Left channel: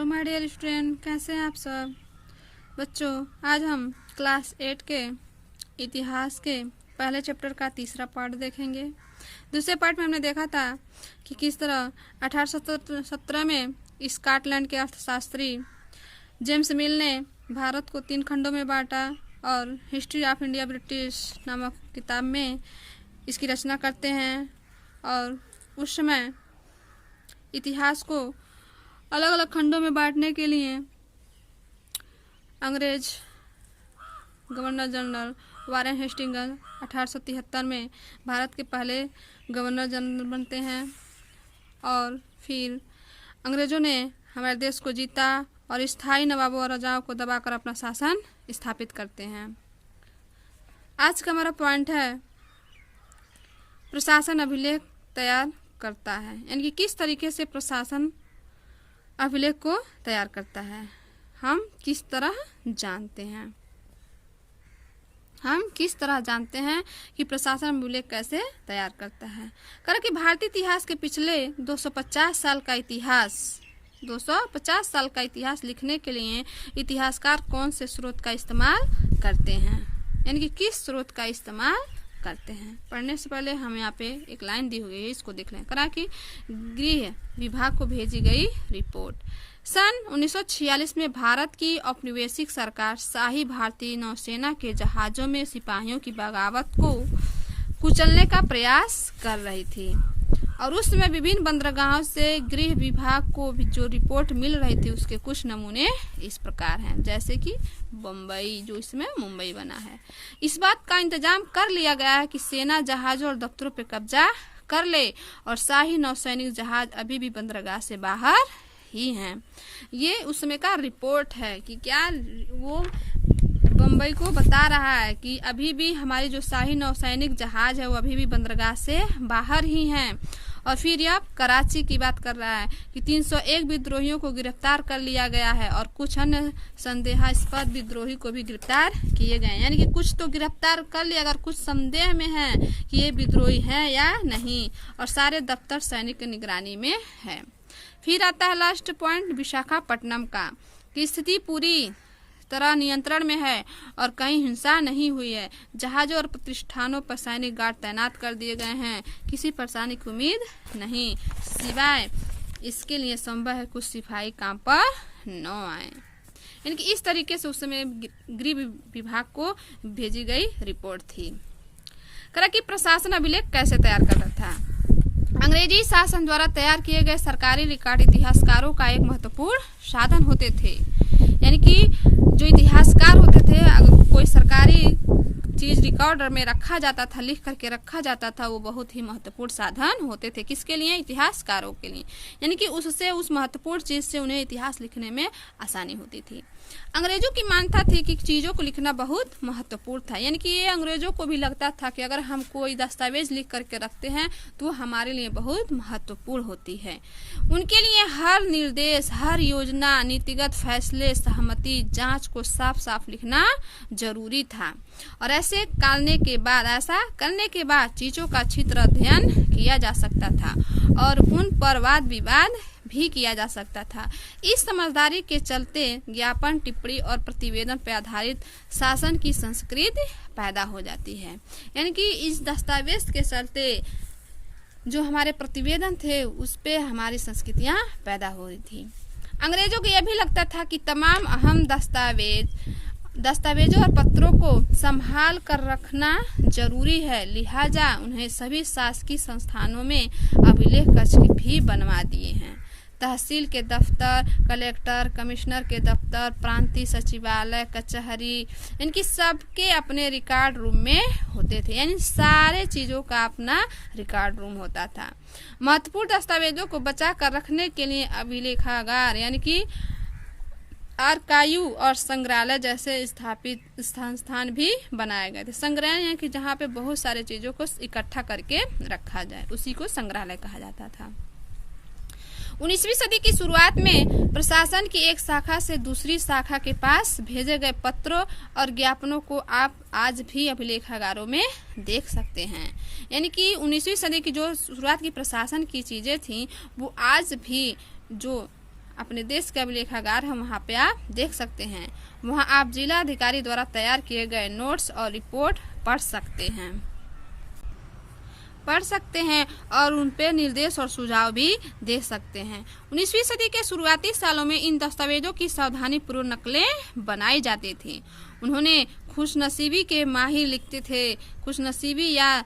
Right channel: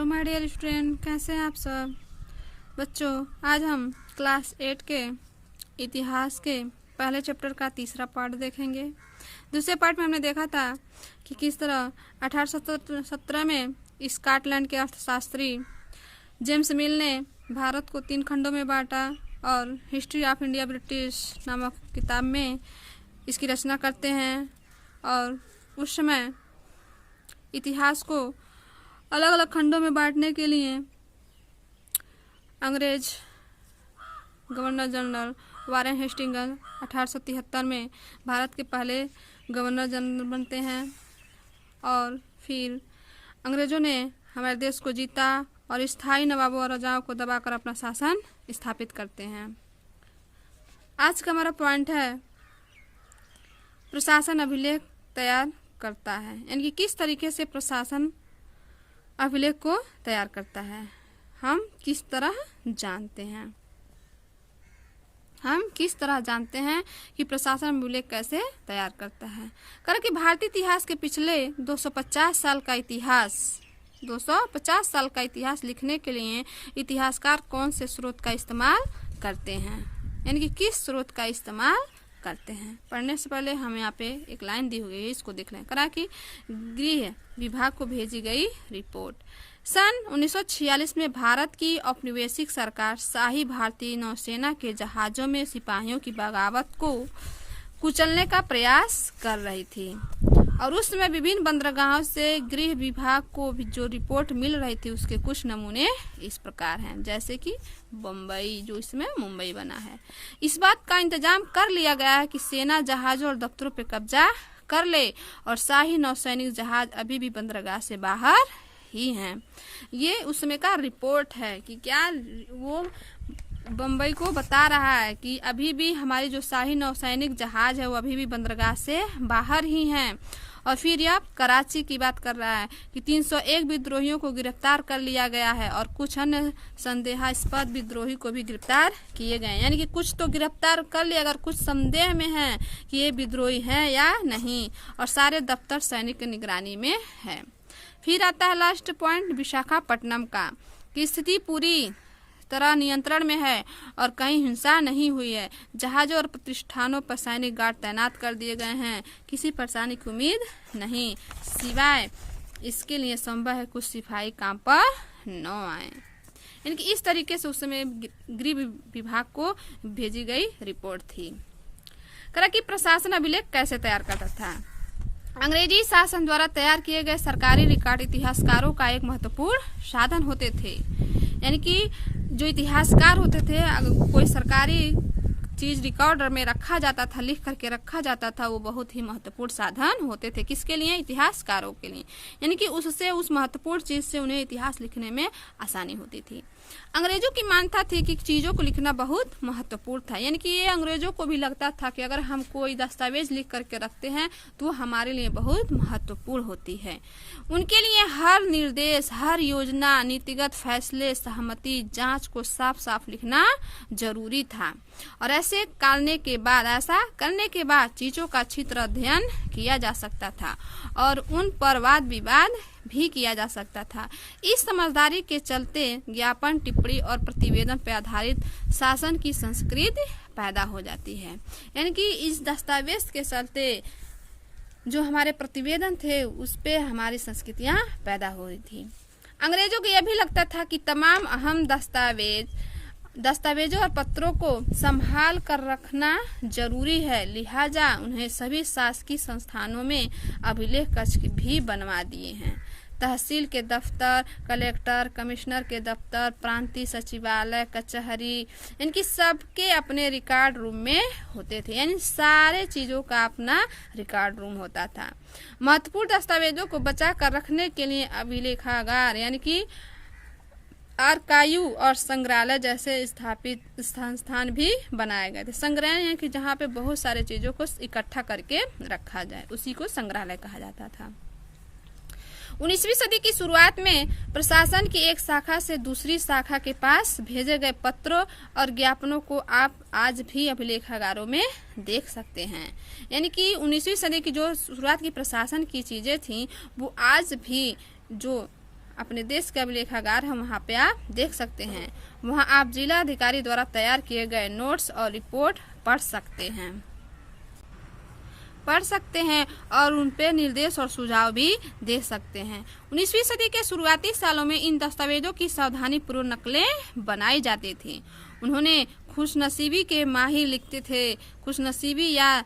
Hello my dear student, कैसे हैं आप सब बच्चों। आज हम क्लास 8 के इतिहास के पहले चैप्टर का तीसरा पार्ट देखेंगे। दूसरे पार्ट में हमने देखा था कि किस तरह 1817 में स्कॉटलैंड के अर्थशास्त्री जेम्स मिल ने भारत को 3 खंडों में बांटा और हिस्ट्री ऑफ इंडिया ब्रिटिश नामक किताब में इसकी रचना करते हैं। और उस समय इतिहास को अलग अलग खंडों में बांटने के लिए अंग्रेज गवर्नर जनरल वारेन हेस्टिंग्स 1873 में भारत के पहले गवर्नर जनरल बनते हैं और फिर अंग्रेजों ने हमारे देश को जीता और स्थायी नवाबों और राजाओं को दबाकर अपना शासन स्थापित करते हैं। आज का हमारा पॉइंट है प्रशासन अभिलेख तैयार करता है, यानी कि किस तरीके से प्रशासन अभिलेख को तैयार करता है। हम किस तरह जानते हैं कि प्रशासन अभिलेख कैसे तैयार करता है। कारण कि भारतीय इतिहास के पिछले 250 साल का इतिहास लिखने के लिए इतिहासकार कौन से स्रोत का इस्तेमाल करते हैं, यानी कि किस स्रोत का इस्तेमाल करते हैं। पढ़ने से पहले हम यहाँ पे एक लाइन दी हुई है, इसको देख लें। करा कि गृह विभाग को भेजी गई रिपोर्ट। सन 1946 में भारत की औपनिवेशिक सरकार शाही भारतीय नौसेना के जहाजों में सिपाहियों की बगावत को कुचलने का प्रयास कर रही थी और उस समय विभिन्न बंदरगाहों से गृह विभाग को जो रिपोर्ट मिल रही थी उसके कुछ नमूने इस प्रकार हैं, जैसे कि बम्बई, जो इसमें मुंबई बना है। इस बात का इंतजाम कर लिया गया है कि सेना जहाजों और दफ्तरों पर कब्जा कर ले और शाही नौसैनिक जहाज अभी भी बंदरगाह से बाहर ही हैं। ये उस समय का रिपोर्ट है कि क्या वो बम्बई को बता रहा है कि अभी भी हमारी जो शाही नौसैनिक जहाज है वो अभी भी बंदरगाह से बाहर ही हैं। और फिर यह कराची की बात कर रहा है कि 301 विद्रोहियों को गिरफ्तार कर लिया गया है और कुछ अन्य संदेहास्पद विद्रोही को भी गिरफ्तार किए गए, यानी कि कुछ तो गिरफ्तार कर लिया, अगर कुछ संदेह में है कि ये विद्रोही हैं या नहीं, और सारे दफ्तर सैनिक की निगरानी में है। फिर आता है लास्ट पॉइंट विशाखापट्टनम का, कि स्थिति पूरी तरह नियंत्रण में है और कहीं हिंसा नहीं हुई है। जहाजों और प्रतिष्ठानों पर सैनिक गार्ड तैनात कर दिए गए हैं, किसी परेशानी की उम्मीद नहीं, सिवाय इसके लिए संभव है कुछ सिपाही काम पर न आए। यानी कि इस तरीके से उस समय गृह विभाग को भेजी गई रिपोर्ट थी। करा कि प्रशासन अभिलेख कैसे तैयार करता था। अंग्रेजी शासन द्वारा तैयार किए गए सरकारी रिकॉर्ड इतिहासकारों का एक महत्वपूर्ण साधन होते थे। यानी कि जो इतिहासकार होते थे, अगर कोई सरकारी चीज रिकॉर्ड में रखा जाता था, लिख करके रखा जाता था, वो बहुत ही महत्वपूर्ण साधन होते थे। किसके लिए? इतिहासकारों के लिए। यानी कि उससे, उस महत्वपूर्ण चीज से उन्हें इतिहास लिखने में आसानी होती थी। अंग्रेजों की मान्यता थी कि चीजों को लिखना बहुत महत्वपूर्ण था, यानी कि ये अंग्रेजों को भी लगता था कि अगर हम कोई दस्तावेज लिख करके रखते हैं तो हमारे लिए बहुत महत्वपूर्ण होती है। उनके लिए हर निर्देश, हर योजना, नीतिगत फैसले, सहमति, जांच को साफ साफ लिखना जरूरी था। और ऐसा करने के बाद चीजों का अच्छी तरह अध्ययन किया जा सकता था और उन पर वाद विवाद भी किया जा सकता था। इस समझदारी के चलते ज्ञापन, टिप्पणी और प्रतिवेदन पर आधारित शासन की संस्कृति पैदा हो जाती है। यानी कि इस दस्तावेज के चलते जो हमारे प्रतिवेदन थे उस पे हमारी संस्कृतियां पैदा हो रही थी। अंग्रेजों को यह भी लगता था कि तमाम अहम दस्तावेजों और पत्रों को संभाल कर रखना जरूरी है, लिहाजा उन्हें सभी शासकीय संस्थानों में अभिलेख कक्ष भी बनवा दिए हैं। तहसील के दफ्तर, कलेक्टर, कमिश्नर के दफ्तर, प्रांतीय सचिवालय, कचहरी, इनकी सबके अपने रिकॉर्ड रूम में होते थे। यानी सारे चीजों का अपना रिकॉर्ड रूम होता था। महत्वपूर्ण दस्तावेजों को बचा कर रखने के लिए अभिलेखागार यानी कि आर्काइव और संग्रहालय जैसे स्थापित संस्थान भी बनाए गए थे। संग्रहालय यानी कि जहाँ पे बहुत सारे चीजों को इकट्ठा करके रखा जाए, उसी को संग्रहालय कहा जाता था। 19वीं सदी की शुरुआत में प्रशासन की एक शाखा से दूसरी शाखा के पास भेजे गए पत्रों और ज्ञापनों को आप आज भी अभिलेखागारों में देख सकते हैं। यानी कि 19वीं सदी की जो शुरुआत की प्रशासन की चीजें थी वो आज भी जो अपने देश के अभिलेखागार हम वहाँ पे आप देख सकते हैं। वहाँ आप जिला अधिकारी द्वारा तैयार किए गए नोट्स और रिपोर्ट पढ़ सकते हैं और उन पे निर्देश और सुझाव भी दे सकते हैं। 19वीं सदी के शुरुआती सालों में इन दस्तावेजों की सावधानी पूर्वक नकलें बनाई जाती थी। उन्होंने खुशनसीबी के माहिर लिखते थे, खुशनसीबी या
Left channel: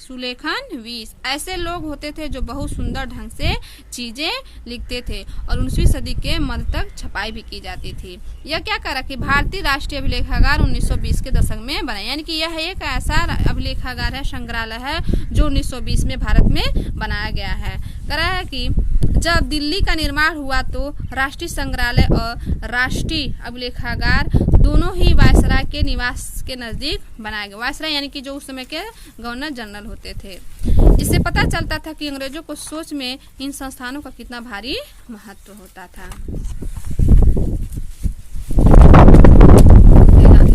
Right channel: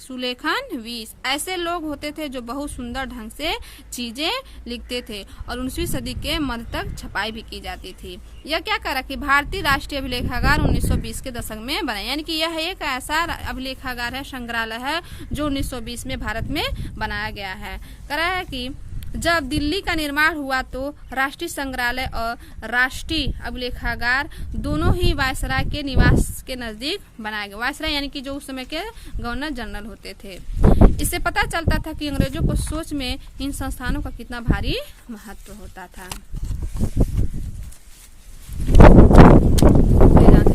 सुलेखनवीस ऐसे लोग होते थे जो बहुत सुंदर ढंग से चीजें लिखते थे और 19वीं सदी के मध्य तक छपाई भी की जाती थी। यह क्या करा कि भारतीय राष्ट्रीय अभिलेखागार 1920 के दशक में बना, यानी कि यह एक ऐसा अभिलेखागार है, संग्रहालय है जो 1920 में भारत में बनाया गया है। करा है कि जब दिल्ली का निर्माण हुआ तो राष्ट्रीय संग्रहालय और राष्ट्रीय अभिलेखागार दोनों ही वायसराय के निवास के नजदीक बनाया गया। वायसराय यानी कि जो उस समय के गवर्नर जनरल होते थे। इससे पता चलता था कि अंग्रेजों को सोच में इन संस्थानों का कितना भारी महत्व होता था।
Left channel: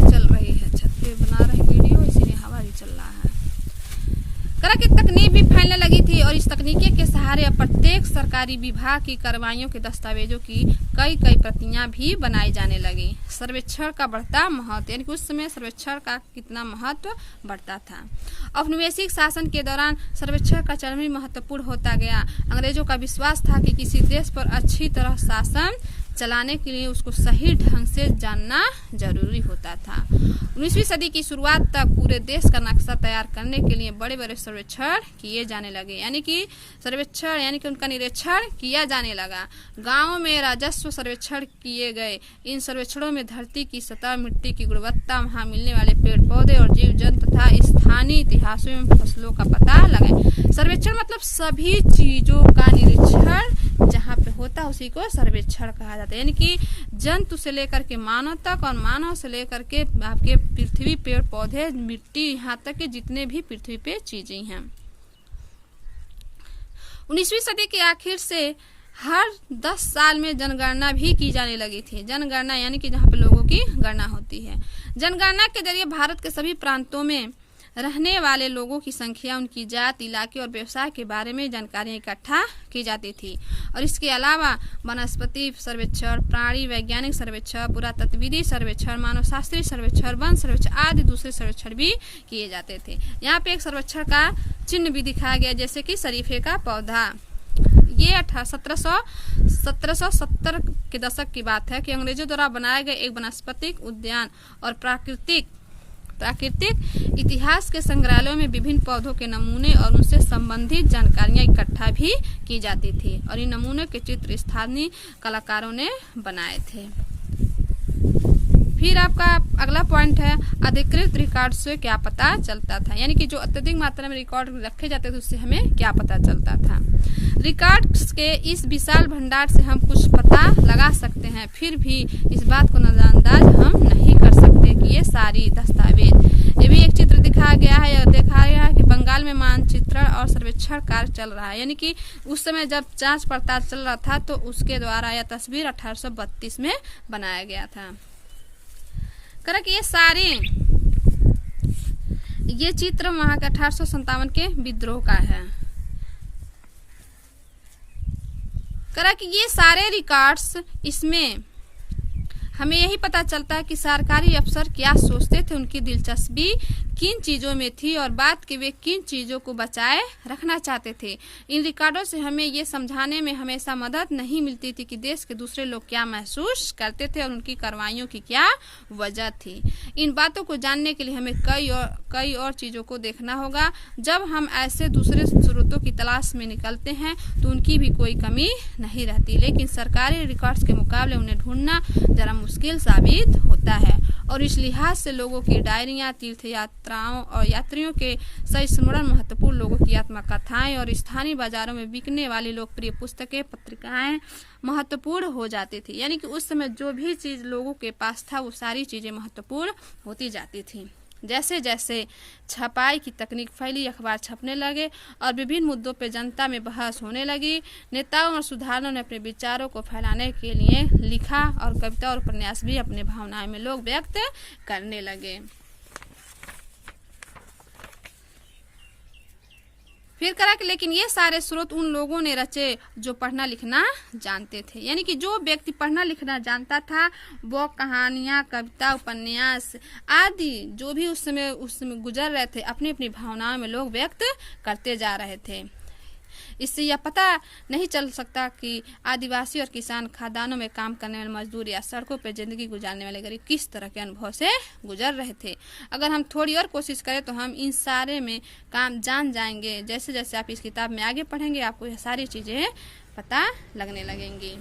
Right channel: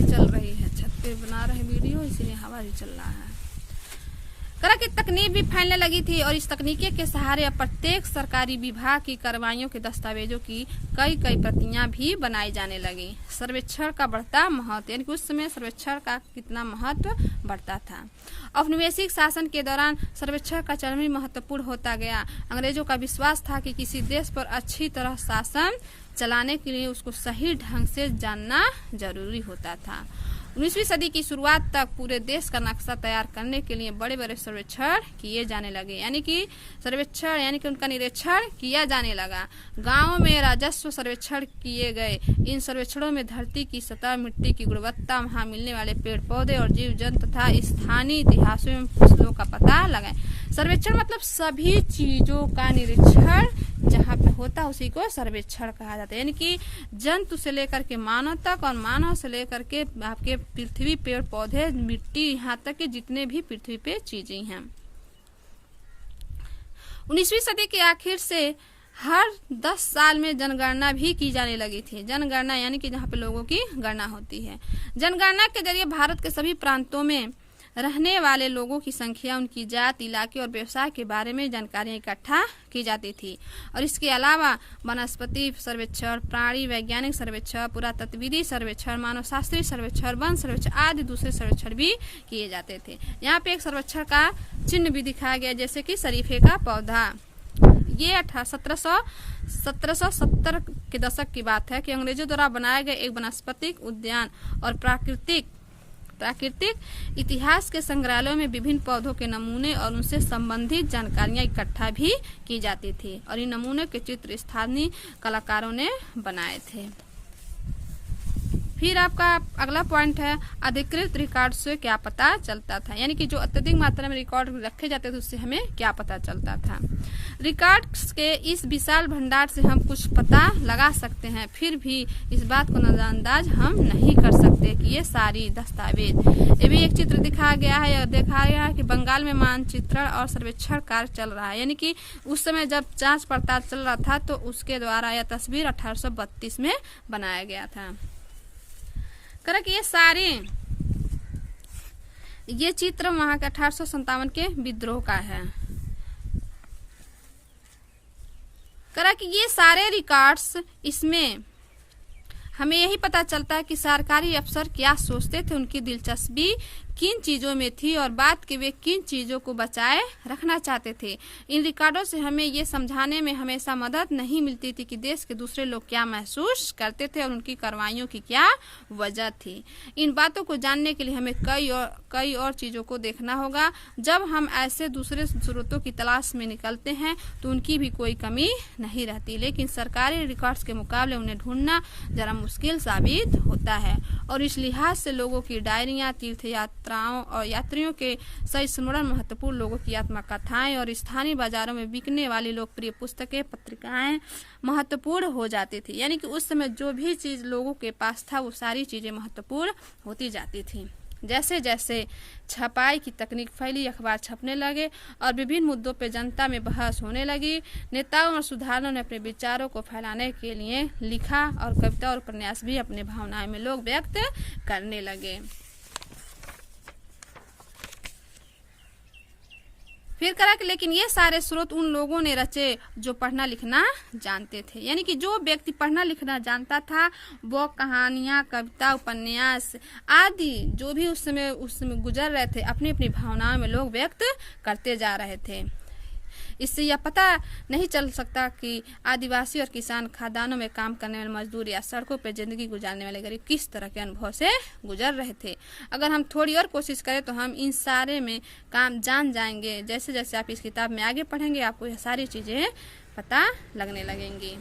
चल रही है, छत पे बना रहे वीडियो, इसीलिए हवा भी चल रहा है। करा की तकनीक भी फैलने लगी थी और इस तकनीकी के सहारे प्रत्येक सरकारी विभाग की कार्रवाइयों के दस्तावेजों की कई प्रतियां भी बनाई जाने लगी। सर्वेक्षण का बढ़ता महत्व, यानी कि उस समय सर्वेक्षण का कितना महत्व बढ़ता था। औपनिवेशिक शासन के दौरान सर्वेक्षण का चरम महत्वपूर्ण होता गया। अंग्रेजों का विश्वास था कि किसी देश पर अच्छी तरह शासन चलाने के लिए उसको सही ढंग से जानना जरूरी होता था। 19वीं सदी की शुरुआत तक पूरे देश का नक्शा तैयार करने के लिए बड़े बड़े सर्वेक्षण किए जाने लगे, यानी कि सर्वेक्षण यानी कि उनका निरीक्षण किया जाने लगा। गांवों में राजस्व सर्वेक्षण किए गए। इन सर्वेक्षणों में धरती की सतह, मिट्टी की गुणवत्ता, वहां मिलने वाले पेड़ पौधे और जीव जंतु तथा स्थानीय इतिहासों एवं फसलों का पता लगाए। सर्वेक्षण मतलब सभी चीजों का निरीक्षण जहाँ पे होता उसी को सर्वेक्षण कहा जाता है, यानी कि जंतु से लेकर के मानव तक और मानव से लेकर के आपके पृथ्वी, पेड़ पौधे, मिट्टी, यहाँ तक के जितने भी पृथ्वी पे चीजें हैं। 19वीं सदी के आखिर से हर 10 साल में जनगणना भी की जाने लगी थी। जनगणना यानी कि जहाँ पे लोगों की गणना होती है। जनगणना के जरिए भारत के सभी प्रांतों में रहने वाले लोगों की संख्या, उनकी जात, इलाके और व्यवसाय के बारे में जानकारियां इकट्ठा की जाती थी। और इसके अलावा वनस्पति सर्वेक्षण, प्राणी वैज्ञानिक सर्वेक्षण, पुरातत्वविधि सर्वेक्षण, मानव शास्त्रीय सर्वेक्षण, वन सर्वेक्षण आदि दूसरे सर्वेक्षण भी किए जाते थे। यहाँ पे एक सर्वेक्षण का चिन्ह भी दिखाया गया, जैसे कि शरीफे का पौधा। ये 1770 के दशक की बात है कि अंग्रेजों द्वारा बनाए गए एक वनस्पतिक उद्यान और प्राकृतिक इतिहास के संग्रहालयों में विभिन्न पौधों के नमूने और उनसे संबंधित जानकारियां इकट्ठा भी की जाती थी और इन नमूनों के चित्र स्थानीय कलाकारों ने बनाए थे। फिर आपका अगला पॉइंट है अधिकृत रिकॉर्ड से क्या पता चलता था, यानी कि जो अत्यधिक मात्रा में रिकॉर्ड रखे जाते थे उससे हमें क्या पता चलता था। रिकॉर्ड्स के इस विशाल भंडार से हम कुछ पता लगा सकते हैं, फिर भी इस बात को नजरअंदाज हम नहीं कर सकते कि ये सारी दस्तावेज। ये भी एक चित्र दिखाया गया है और दिखाया गया है कि बंगाल में मानचित्रण और सर्वेक्षण कार्य चल रहा है, यानी कि उस समय जब जांच पड़ताल चल रहा था तो उसके द्वारा यह तस्वीर 1832 में बनाया गया था। करा कि ये चित्र वहां के 1857 के विद्रोह का है। करा कि ये सारे रिकॉर्ड्स, इसमें हमें यही पता चलता है कि सरकारी अफसर क्या सोचते थे, उनकी दिलचस्पी किन चीजों में थी और बात के वे किन चीजों को बचाए रखना चाहते थे। इन रिकॉर्डों से हमें ये समझाने में हमेशा मदद नहीं मिलती थी कि देश के दूसरे लोग क्या महसूस करते थे और उनकी कार्रवाइयों की क्या वजह थी। इन बातों को जानने के लिए हमें कई और चीजों को देखना होगा। जब हम ऐसे दूसरे स्रोतों की तलाश में निकलते हैं तो उनकी भी कोई कमी नहीं रहती, लेकिन सरकारी रिकॉर्ड्स के मुकाबले उन्हें ढूंढना जरा मुश्किल साबित होता है और इस लिहाज से लोगों की डायरियां, तीर्थ यात्राओं और यात्रियों के सही स्मरण, महत्वपूर्ण लोगों की आत्मकथाएं और स्थानीय बाजारों में बिकने वाली लोकप्रिय पुस्तकें, पत्रिकाएं महत्वपूर्ण हो जाती थी। यानी कि उस समय जो भी चीज लोगों के पास था वो सारी चीजें महत्वपूर्ण होती जाती थी। जैसे जैसे छपाई की तकनीक फैली, अखबार छपने लगे और विभिन्न मुद्दों पर जनता में बहस होने लगी। नेताओं और सुधारकों ने अपने विचारों को फैलाने के लिए लिखा और कविता और उपन्यास भी अपने भावनाएं में लोग व्यक्त करने लगे। फिर करा कि लेकिन ये सारे स्रोत उन लोगों ने रचे जो पढ़ना लिखना जानते थे। यानी कि जो व्यक्ति पढ़ना लिखना जानता था वो कहानियां, कविता, उपन्यास आदि जो भी उस समय गुजर रहे थे अपनी अपनी भावनाओं में लोग व्यक्त करते जा रहे थे। इससे यह पता नहीं चल सकता कि आदिवासी और किसान खदानों में काम करने वाले मजदूर या सड़कों पर जिंदगी गुजारने वाले गरीब किस तरह के अनुभव से गुजर रहे थे। अगर हम थोड़ी और कोशिश करें तो हम इन सारे में काम जान जाएंगे। जैसे जैसे आप इस किताब में आगे पढ़ेंगे आपको यह सारी चीजें पता लगने लगेंगी।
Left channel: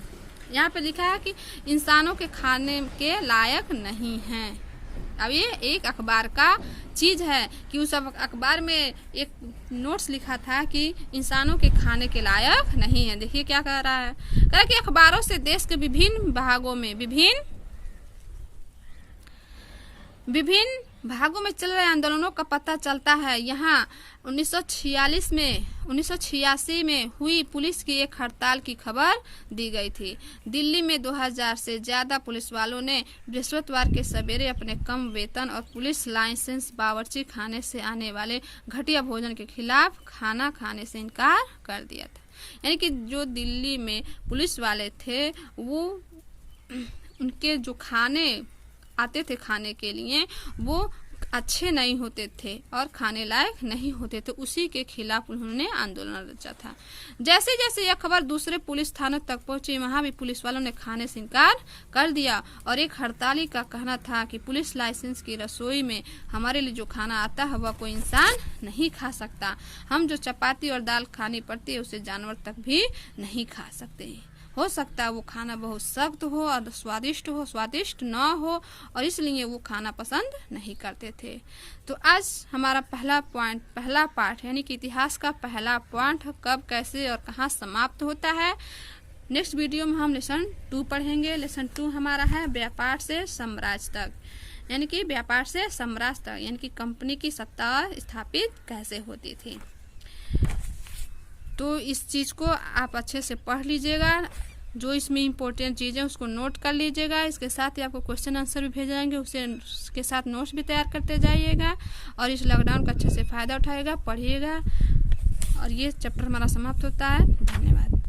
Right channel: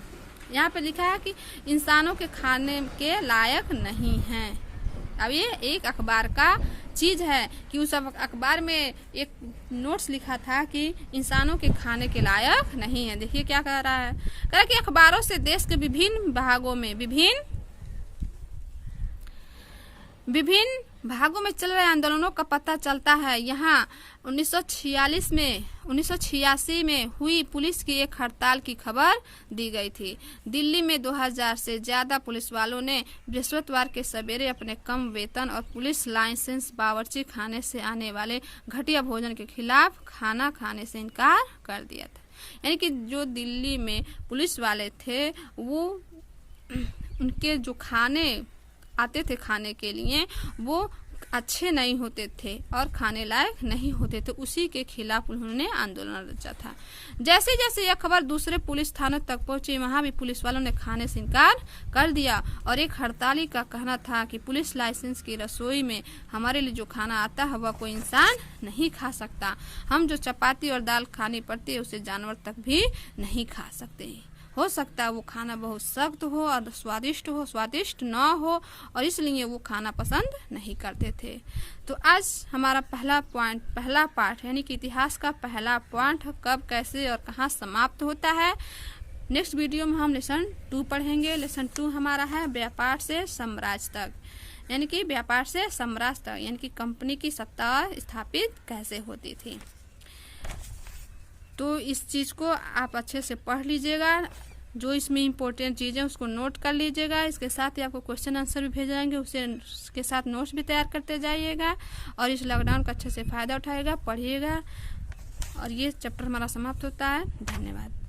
यहाँ पे लिखा है कि इंसानों के खाने के लायक नहीं है। अब ये एक अखबार का चीज है कि उस अखबार में एक नोट्स लिखा था कि इंसानों के खाने के लायक नहीं है। देखिए क्या कह रहा है, कह रहा है कि अखबारों से देश के विभिन्न भागों में चल रहे आंदोलनों का पता चलता है। यहाँ 1986 में हुई पुलिस की एक हड़ताल की खबर दी गई थी। दिल्ली में 2000 से ज्यादा पुलिस वालों ने बृहस्पतिवार के सवेरे अपने कम वेतन और पुलिस लाइसेंस बावर्ची खाने से आने वाले घटिया भोजन के खिलाफ खाना खाने से इनकार कर दिया था। यानी कि जो दिल्ली में पुलिस वाले थे वो उनके जो खाने आते थे खाने के लिए वो अच्छे नहीं होते थे और खाने लायक नहीं होते थे। उसी के खिलाफ उन्होंने आंदोलन रचा था। जैसे जैसे यह खबर दूसरे पुलिस थानों तक पहुंची वहां भी पुलिस वालों ने खाने से इनकार कर दिया और एक हड़ताली का कहना था कि पुलिस लाइसेंस की रसोई में हमारे लिए जो खाना आता है वह कोई इंसान नहीं खा सकता। हम जो चपाती और दाल खानी पड़ती है उसे जानवर तक भी नहीं खा सकते। हो सकता है वो खाना बहुत सख्त हो और स्वादिष्ट न हो और इसलिए वो खाना पसंद नहीं करते थे। तो आज हमारा पहला पार्ट यानी कि इतिहास का पहला पॉइंट कब, कैसे और कहाँ समाप्त होता है। नेक्स्ट वीडियो में हम लेसन 2 पढ़ेंगे। लेसन 2 हमारा है व्यापार से साम्राज्य तक, यानी कि व्यापार से साम्राज्य तक यानी कि कंपनी की सत्ता स्थापित कैसे होती थी। तो इस चीज को आप अच्छे से पढ़ लीजिएगा। जो इसमें इम्पोर्टेंट चीजें उसको नोट कर लीजिएगा। इसके साथ ही आपको क्वेश्चन आंसर भी भेजे जाएंगे, उसके साथ नोट्स भी तैयार करते जाइएगा और इस लॉकडाउन का अच्छे से फायदा उठाइएगा, पढ़िएगा। और ये चैप्टर हमारा समाप्त होता है। धन्यवाद।